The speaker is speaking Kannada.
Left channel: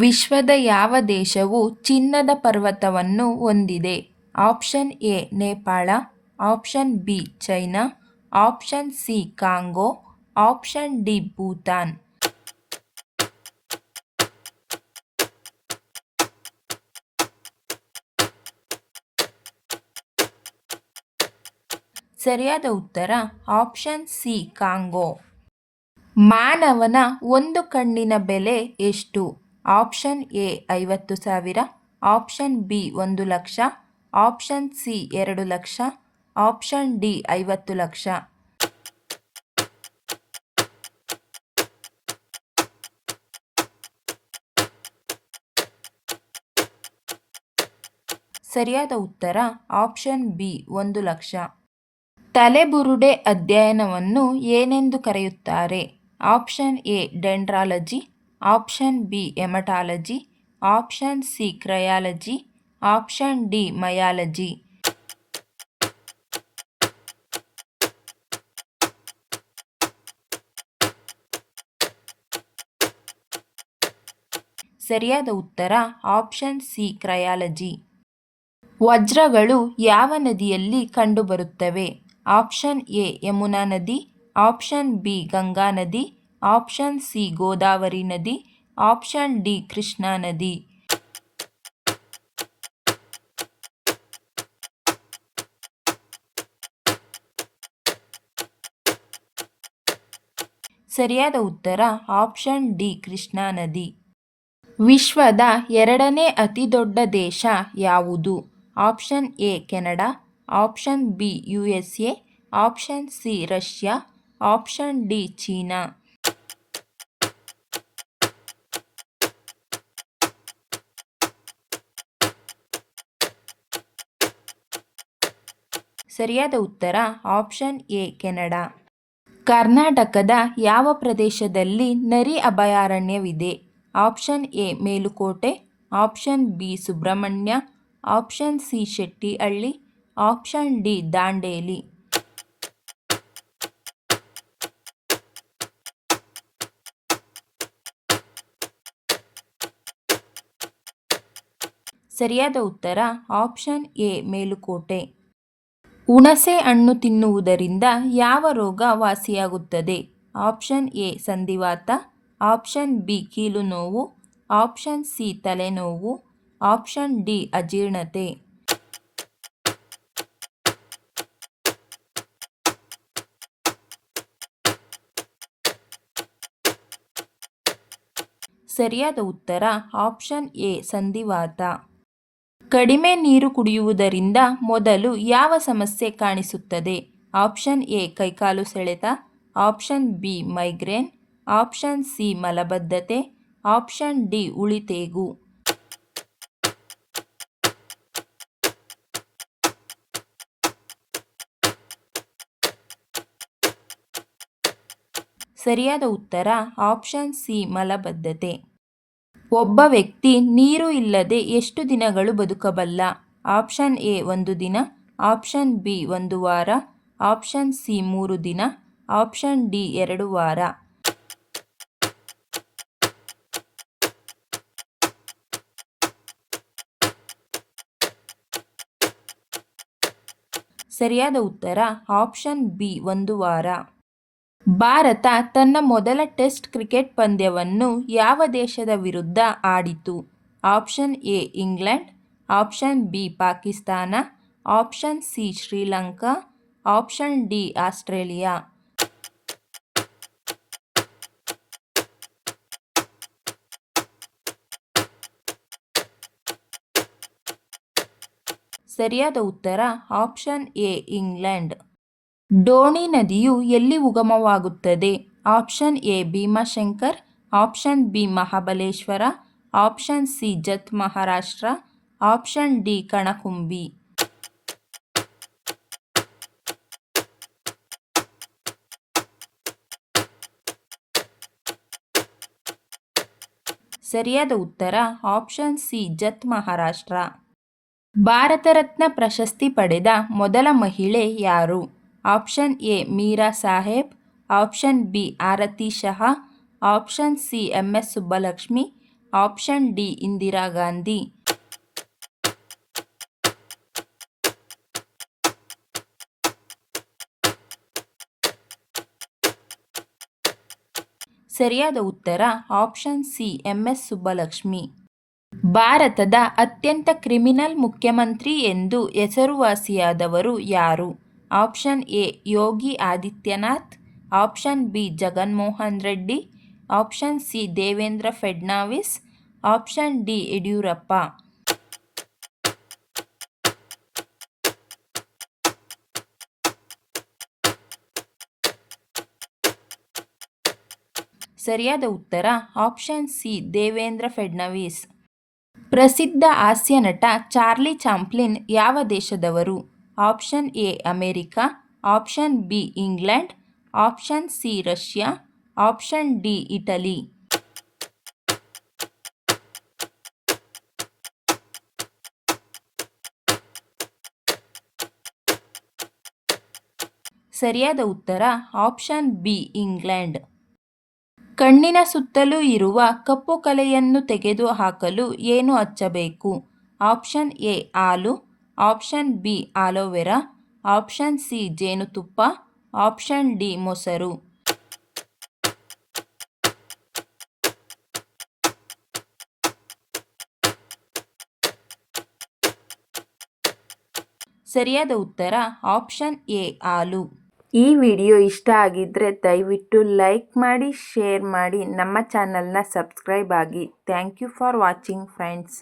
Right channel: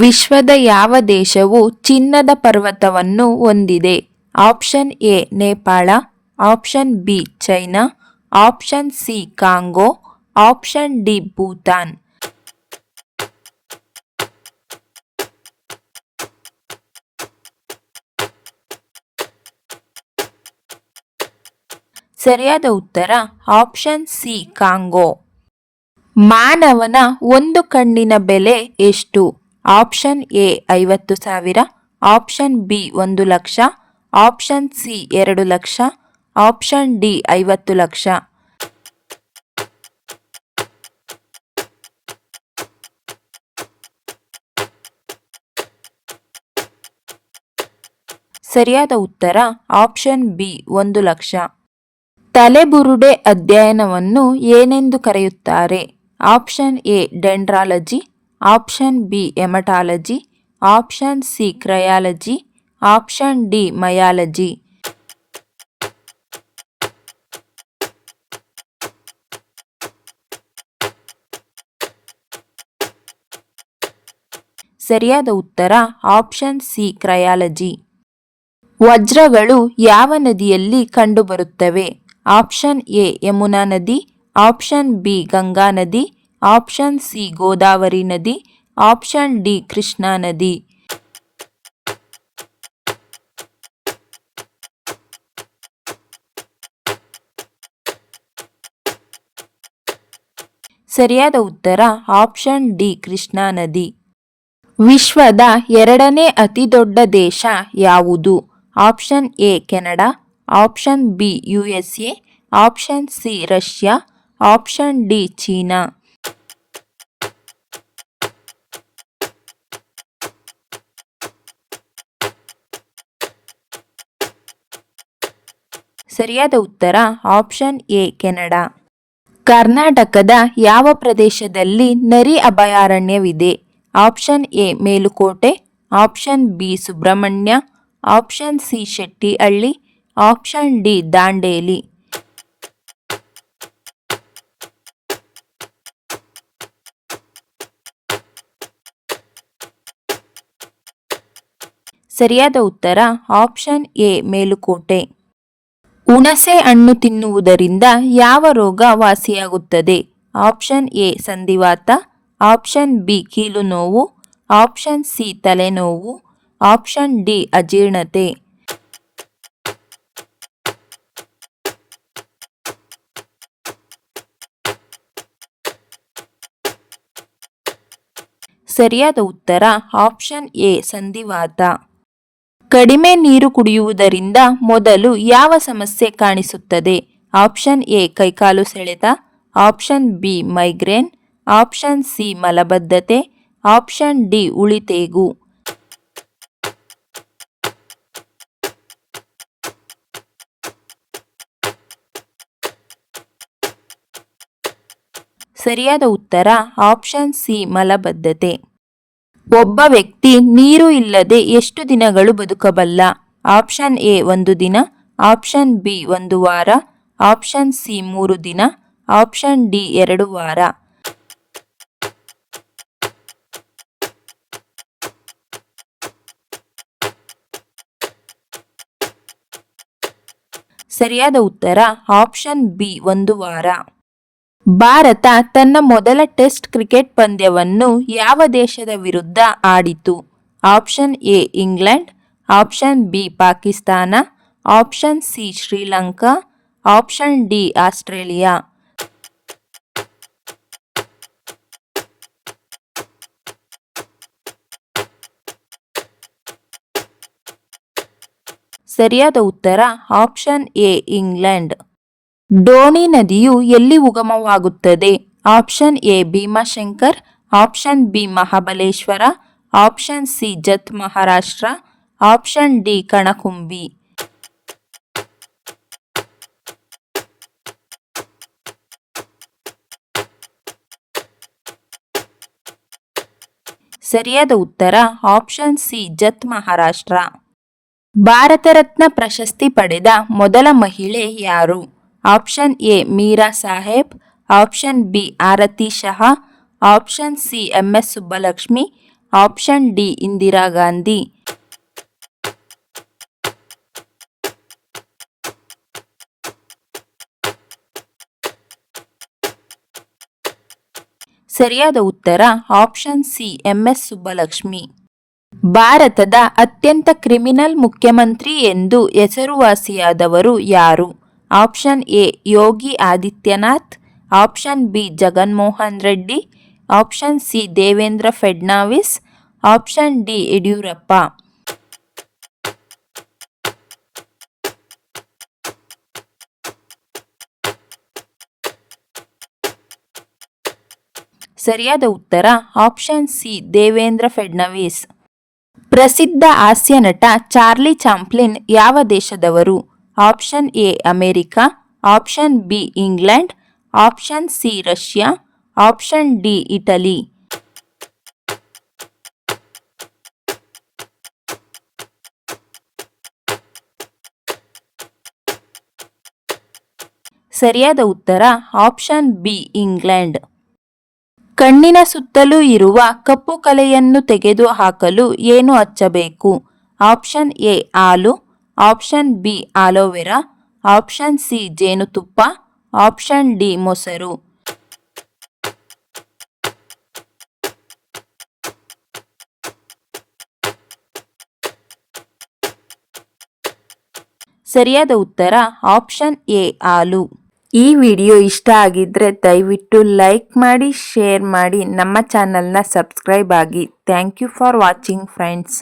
ವಿಶ್ವದ ಯಾವ ದೇಶವು ಚಿನ್ನದ ಪರ್ವತವನ್ನು ಹೊಂದಿದೆ? Option A Nepal, option B China, option C Congo, option D Bhutan. ಸರಿಯಾದ ಉತ್ತರ ಆಪ್ಷನ್ ಸಿ ಕಾಂಗೋ. ಮಾನವನ ಒಂದು ಕಣ್ಣಿನ ಬೆಲೆ ಎಷ್ಟು? Option A 50,000, option B 1,00,000, option C 2,00,000, option D 50,00,000. ಸರಿಯಾದ ಉತ್ತರ ಆಪ್ಷನ್ ಬಿ 1,00,000. ತಲೆಬುರುಡೆ ಅಧ್ಯಯನವನ್ನು ಏನೆಂದು ಕರೆಯುತ್ತಾರೆ? Option A dendrology, option B haematology, option C craniology, option D myology. ಸರಿಯಾದ ಉತ್ತರ ಆಪ್ಷನ್ ಸಿ ಕ್ರಯಾಲಜಿ. ವಜ್ರಗಳು ಯಾವ ನದಿಯಲ್ಲಿ ಕಂಡುಬರುತ್ತವೆ? ಆಪ್ಷನ್ ಎ ಯಮುನಾ ನದಿ, ಆಪ್ಷನ್ ಬಿ ಗಂಗಾ ನದಿ, ಆಪ್ಷನ್ ಸಿ ಗೋದಾವರಿ ನದಿ, ಆಪ್ಷನ್ ಡಿ ಕೃಷ್ಣಾ ನದಿ. ಸರಿಯಾದ ಉತ್ತರ ಆಪ್ಷನ್ ಡಿ ಕೃಷ್ಣಾ ನದಿ. ವಿಶ್ವದ ಎರಡನೇ ಅತಿ ದೊಡ್ಡ ದೇಶ ಯಾವುದು? Option A Canada, option B USA, option C Russia, option D China. ಸರಿಯಾದ ಉತ್ತರ ಆಪ್ಷನ್ ಎ ಕೆನಡಾ. ಕರ್ನಾಟಕದ ಯಾವ ಪ್ರದೇಶದಲ್ಲಿ ನರಿ ಅಭಯಾರಣ್ಯವಿದೆ? Option A Melukote, option B Subrahmanya, option C Shettihalli, option D Dandeli. ಸರಿಯಾದ ಉತ್ತರ ಆಪ್ಷನ್ ಎ ಮೇಲುಕೋಟೆ. ಹುಣಸೆ ಹಣ್ಣು ತಿನ್ನುವುದರಿಂದ ಯಾವ ರೋಗ ವಾಸಿಯಾಗುತ್ತದೆ? ಆಪ್ಷನ್ ಎ ಸಂಧಿವಾತ, ಆಪ್ಷನ್ ಬಿ ಕೀಲು ನೋವು, ಆಪ್ಷನ್ ಸಿ ತಲೆನೋವು, ಆಪ್ಷನ್ ಡಿ ಅಜೀರ್ಣತೆ. ಸರಿಯಾದ ಉತ್ತರ ಆಪ್ಷನ್ ಎ ಸಂಧಿವಾತ. ಕಡಿಮೆ ನೀರು ಕುಡಿಯುವುದರಿಂದ ಮೊದಲು ಯಾವ ಸಮಸ್ಯೆ ಕಾಣಿಸುತ್ತದೆ? ಆಪ್ಷನ್ ಎ ಕೈಕಾಲು ಸೆಳೆತ, option B migraine, option C ಮಲಬದ್ಧತೆ, ಆಪ್ಷನ್ ಡಿ ಉಳಿತೇಗು. ಸರಿಯಾದ ಉತ್ತರ ಆಪ್ಷನ್ ಸಿ ಮಲಬದ್ಧತೆ. ಒಬ್ಬ ವ್ಯಕ್ತಿ ನೀರು ಇಲ್ಲದೆ ಎಷ್ಟು ದಿನಗಳು ಬದುಕಬಲ್ಲ? ಆಪ್ಷನ್ ಎ 1 ದಿನ, ಆಪ್ಷನ್ ಬಿ 1 ವಾರ, ಆಪ್ಷನ್ ಸಿ 3 ದಿನ, ಆಪ್ಷನ್ ಡಿ 2 ವಾರ. ಸರಿಯಾದ ಉತ್ತರ ಆಪ್ಷನ್ ಬಿ 1 ವಾರ. ಭಾರತ ತನ್ನ ಮೊದಲ ಟೆಸ್ಟ್ ಕ್ರಿಕೆಟ್ ಪಂದ್ಯವನ್ನು ಯಾವ ದೇಶದ ವಿರುದ್ಧ ಆಡಿತು? Option A England, option B Pakistan, option C Sri Lanka, option D Australia. ಸರಿಯಾದ ಉತ್ತರ ಆಪ್ಷನ್ ಎ ಇಂಗ್ಲೆಂಡ್. ಡೋಣಿ ನದಿಯು ಎಲ್ಲಿ ಉಗಮವಾಗುತ್ತದೆ? Option A Bhimashankar, option B Mahabaleshwar, option C Jat Maharashtra, option D Kanakumbi. ಸರಿಯಾದ ಉತ್ತರ ಆಪ್ಷನ್ ಸಿ ಜತ್ ಮಹಾರಾಷ್ಟ್ರ. ಭಾರತ ರತ್ನ ಪ್ರಶಸ್ತಿ ಪಡೆದ ಮೊದಲ ಮಹಿಳೆ ಯಾರು? Option A Meera Saheb, option B Aarti Shah, option C MS Subbulakshmi, option D Indira Gandhi. ಸರಿಯಾದ ಉತ್ತರ ಆಪ್ಷನ್ ಸಿ ಎಂಎಸ್ ಸುಬ್ಬಲಕ್ಷ್ಮಿ. ಭಾರತದ ಅತ್ಯಂತ ಕ್ರಿಮಿನಲ್ ಮುಖ್ಯಮಂತ್ರಿ ಎಂದು ಹೆಸರುವಾಸಿಯಾದವರು ಯಾರು? Option A Yogi Adityanath, option B Jaganmohan Reddy, option C Devendra Fadnavis, option D Yediyurappa. ಸರಿಯಾದ ಉತ್ತರ ಆಪ್ಷನ್ ಸಿ ದೇವೇಂದ್ರ ಫಡ್ನವೀಸ್. ಪ್ರಸಿದ್ಧ ಹಾಸ್ಯ ನಟ ಚಾರ್ಲಿ ಚಾಪ್ಲಿನ್ ಯಾವ ದೇಶದವರು? Option A America, option B England, option C Russia, option D Italy. ಸರಿಯಾದ ಉತ್ತರ ಆಪ್ಷನ್ ಬಿ ಇಂಗ್ಲೆಂಡ್. ಕಣ್ಣಿನ ಸುತ್ತಲೂ ಇರುವ ಕಪ್ಪು ಕಲೆಯನ್ನು ತೆಗೆದುಹಾಕಲು ಏನು ಹಚ್ಚಬೇಕು? ಆಪ್ಷನ್ ಎ ಹಾಲು, option B aloe vera, option C ಜೇನುತುಪ್ಪ, ಆಪ್ಷನ್ ಡಿ ಮೊಸರು. ಸರಿಯಾದ ಉತ್ತರ ಆಪ್ಷನ್ ಎ ಹಾಲು. ಈ ವಿಡಿಯೋ ಇಷ್ಟ ಆಗಿದ್ರೆ ದಯವಿಟ್ಟು ಲೈಕ್ ಮಾಡಿ, ಶೇರ್ ಮಾಡಿ, ನಮ್ಮ ಚಾನಲ್ನ ಸಬ್ಸ್ಕ್ರೈಬ್ ಆಗಿ. Thank you for watching friends.